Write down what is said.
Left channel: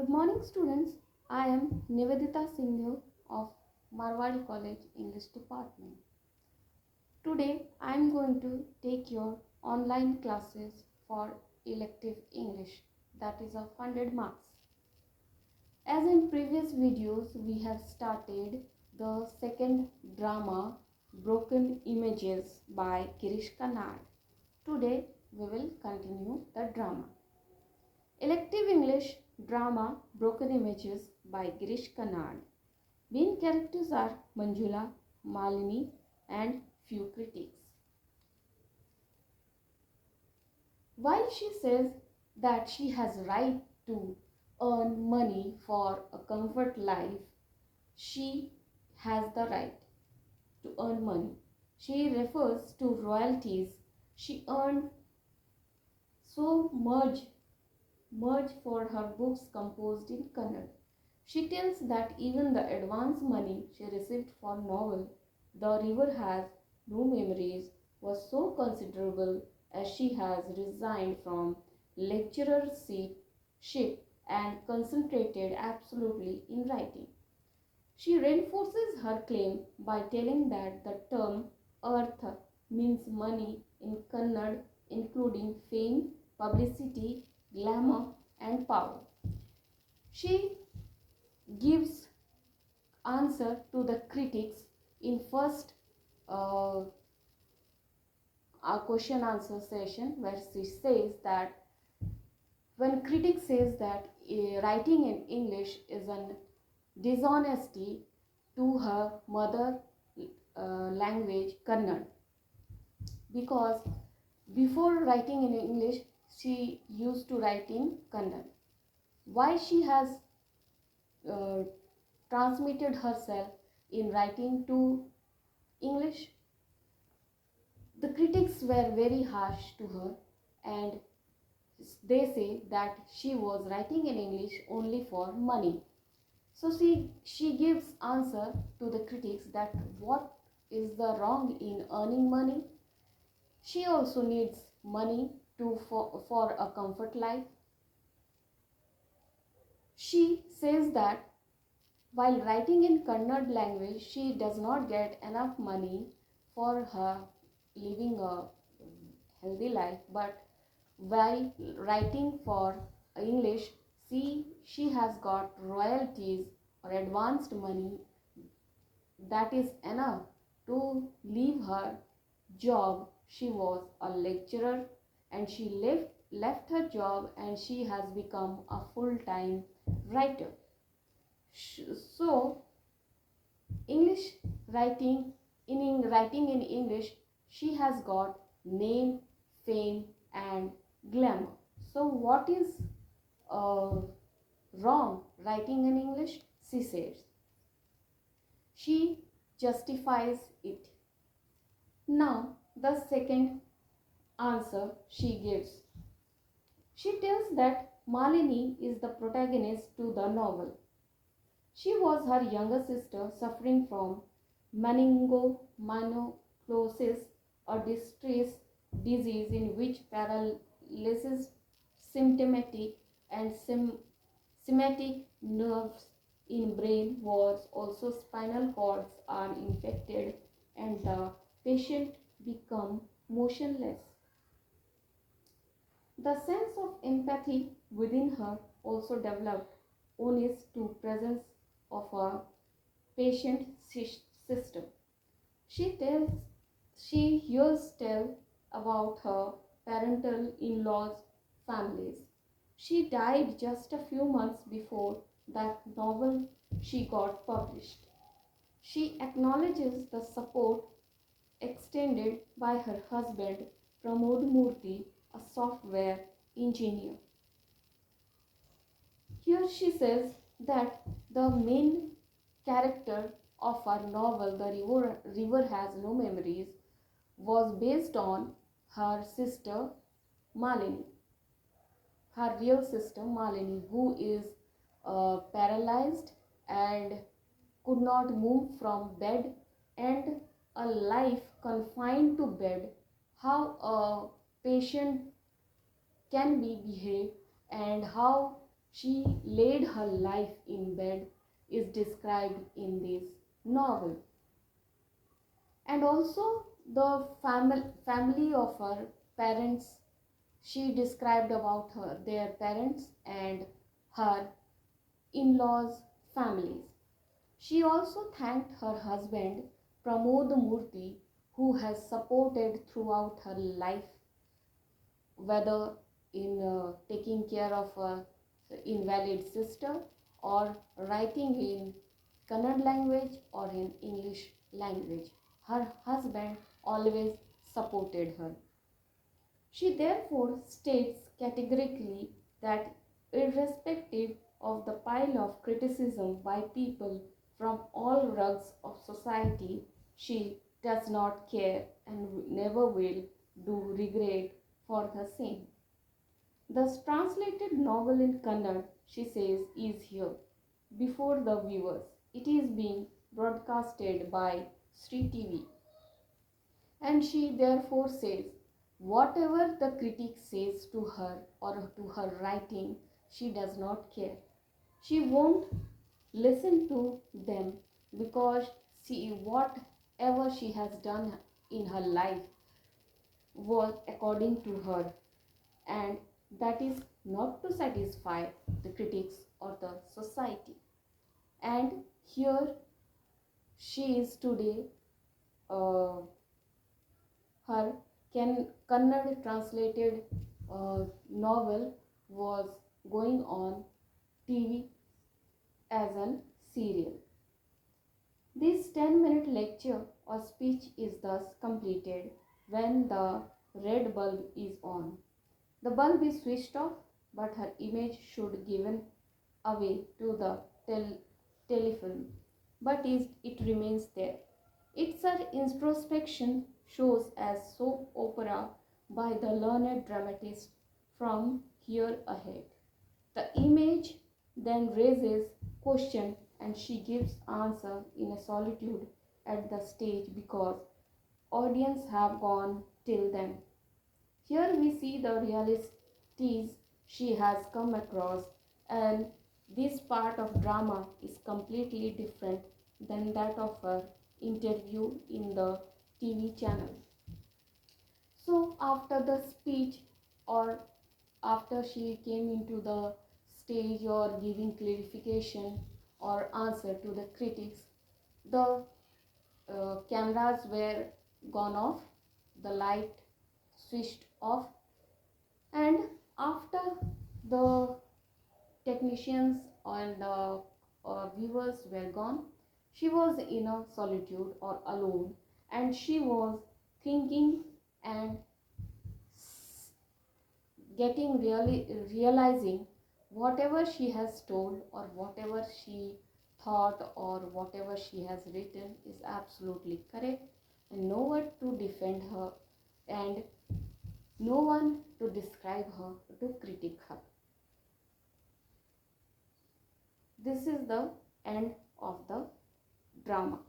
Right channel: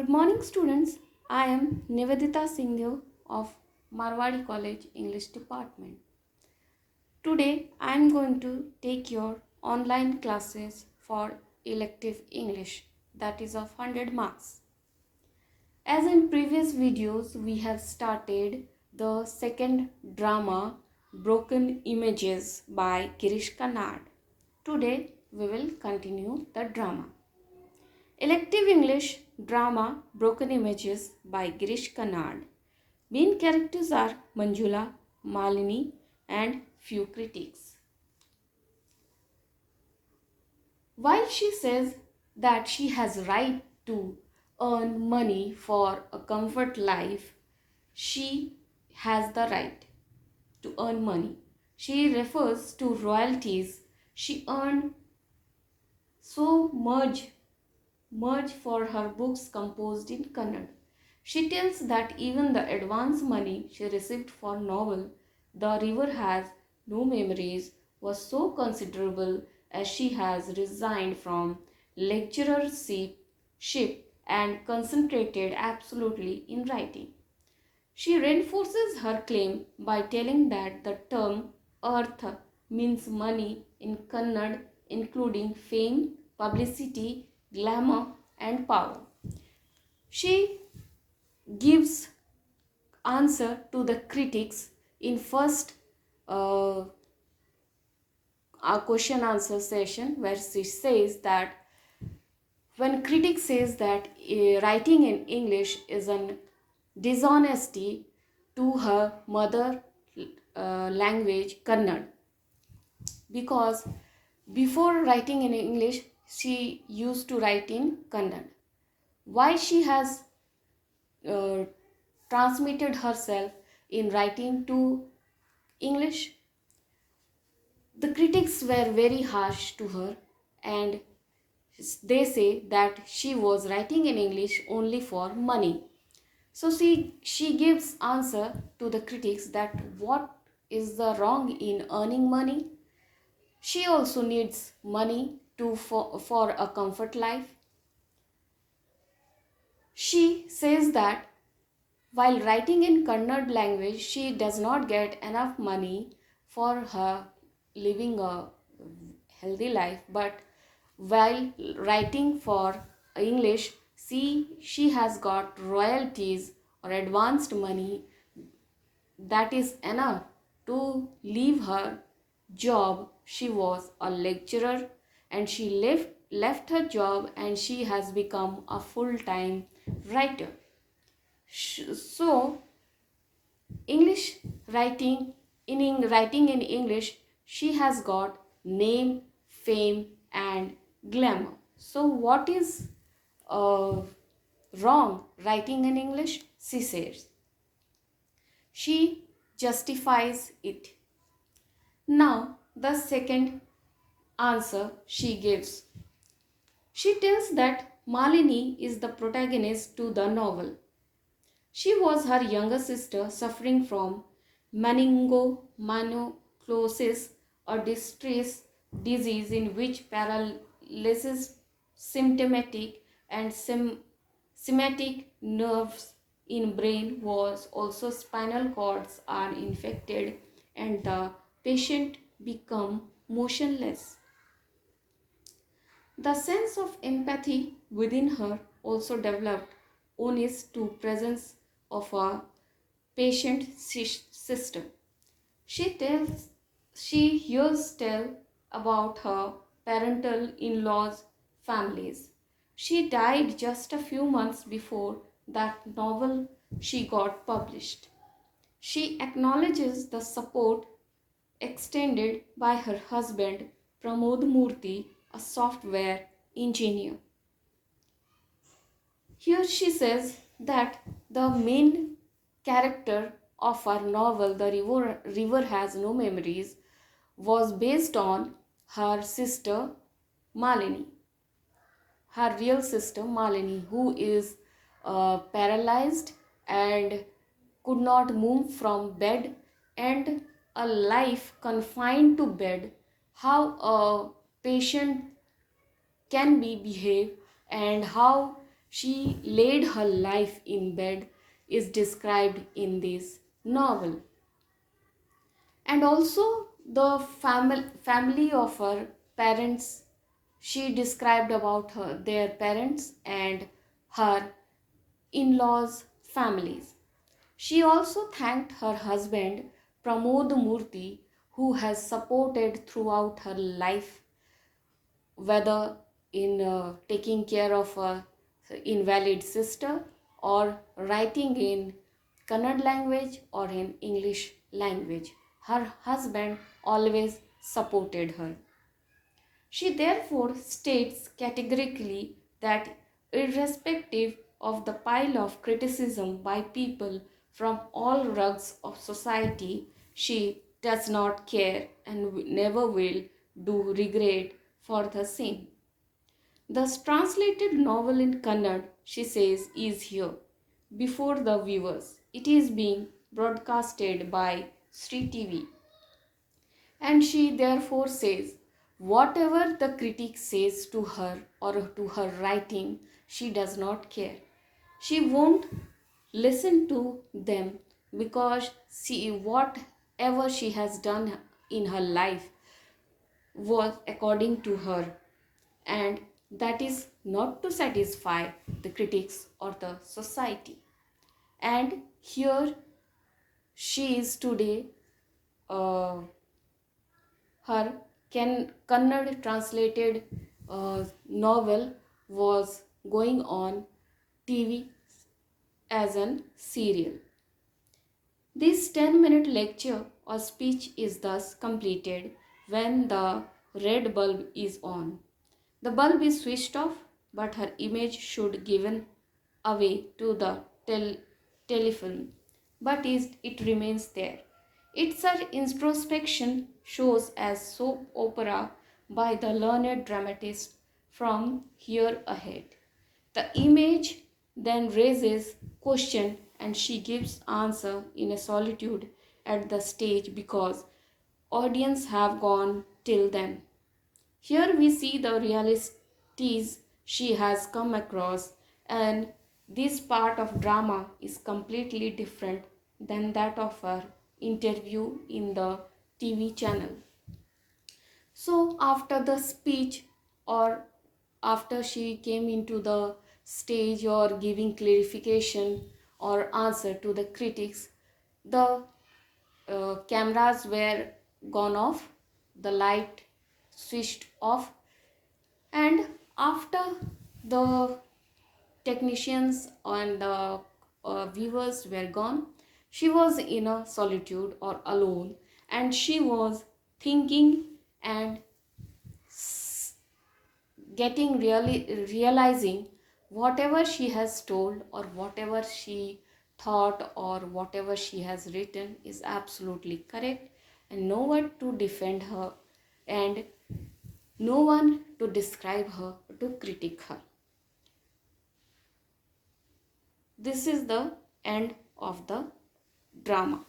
Good morning, students. I am Nivedita Singh of Marwadi College English Department. Today, I am going to take your online classes for elective English, that is of 100 marks. As in previous videos, we have started the second drama Broken Images by Girish Karnad. Today, we will continue the drama. Elective English drama Broken Images by Girish Karnad. Main characters are Manjula, Malini, and few critics. While she says that she has right to earn money for a comfort life, she has the right to earn money. She refers to royalties she earned so much for her books composed in Kannada. She tells that even the advance money she received for novel The River Has No Memories was so considerable as she has resigned from lecturership and concentrated absolutely in writing. She reinforces her claim by telling that the term earth means money in Kannada, including fame, publicity, glamour, and power. She gives answer to the critics in first uh, question answer session, where she says that when critics says that writing in English is an dishonesty to her mother language Kannada, because before writing in English she used to write in Kannada. Why she has uh, transmitted herself in writing to English? The critics were very harsh to her, and they say that she was writing in English only for money. So she gives answer to the critics that what is the wrong in earning money. She also needs money for a comfort life. She says that while writing in Kannada language, she does not get enough money for her living a healthy life, but while writing for English, she has got royalties or advanced money that is enough to leave her job. She was a lecturer and she left her job and she has become a full-time writer. So English writing writing in English, she has got name, fame, and glamour. So what is wrong writing in English? She says. She justifies it. Now the second answer she gives. She tells that Malini is the protagonist to the novel. She was her younger sister suffering from meningococcosis, a distress disease in which paralysis, symptomatic and somatic nerves in brain was also spinal cords are infected and the patient become motionless. The sense of empathy within her also developed onus to presence of a patient system. She tells she hears tell about her parental in-laws families. She died just a few months before that novel she got published. She acknowledges the support extended by her husband Pramod Murthy, a software engineer. Here she says that the main character of our novel, River Has No Memories, was based on her sister Malini, her real sister Malini, who is paralyzed and could not move from bed, and a life confined to bed, how a patient can be behave and how she laid her life in bed is described in this novel. And also the family of her parents, she described about their parents and her in-laws families. She also thanked her husband Pramod Murthy, who has supported throughout her life, whether in taking care of a invalid sister or writing in Kannada language or in English language. Her husband always supported her. She therefore states categorically that, irrespective of the pile of criticism by people from all rugs of society, she does not care and never will do regret for the same. The translated novel in Kannada, she says, is here before the viewers. It is being broadcasted by Sri TV. And she therefore says, whatever the critic says to her or to her writing, she does not care. She won't listen to them because whatever she has done in her life was according to her, and that is not to satisfy the critics or the society. And here she is today. Her Kannada translated novel was going on TV as a serial. This 10-minute lecture or speech is thus completed when the red bulb is on. The bulb is switched off, but her image should given away to the telefilm, but it remains there. Its introspection shows as soap opera by the learned dramatist from here ahead. The image then raises question and she gives answer in a solitude at the stage because audience have gone till then. Here we see the realities she has come across, and this part of drama is completely different than that of her interview in the TV channel. So after the speech, or after she came into the stage or giving clarification or answer to the critics, the cameras were gone off, the light switched off, and after the technicians and the viewers were gone, she was in a solitude or alone, and she was thinking and getting realizing whatever she has told or whatever she thought or whatever she has written is absolutely correct, and no one to defend her and no one to describe her, to critique her. This is the end of the drama.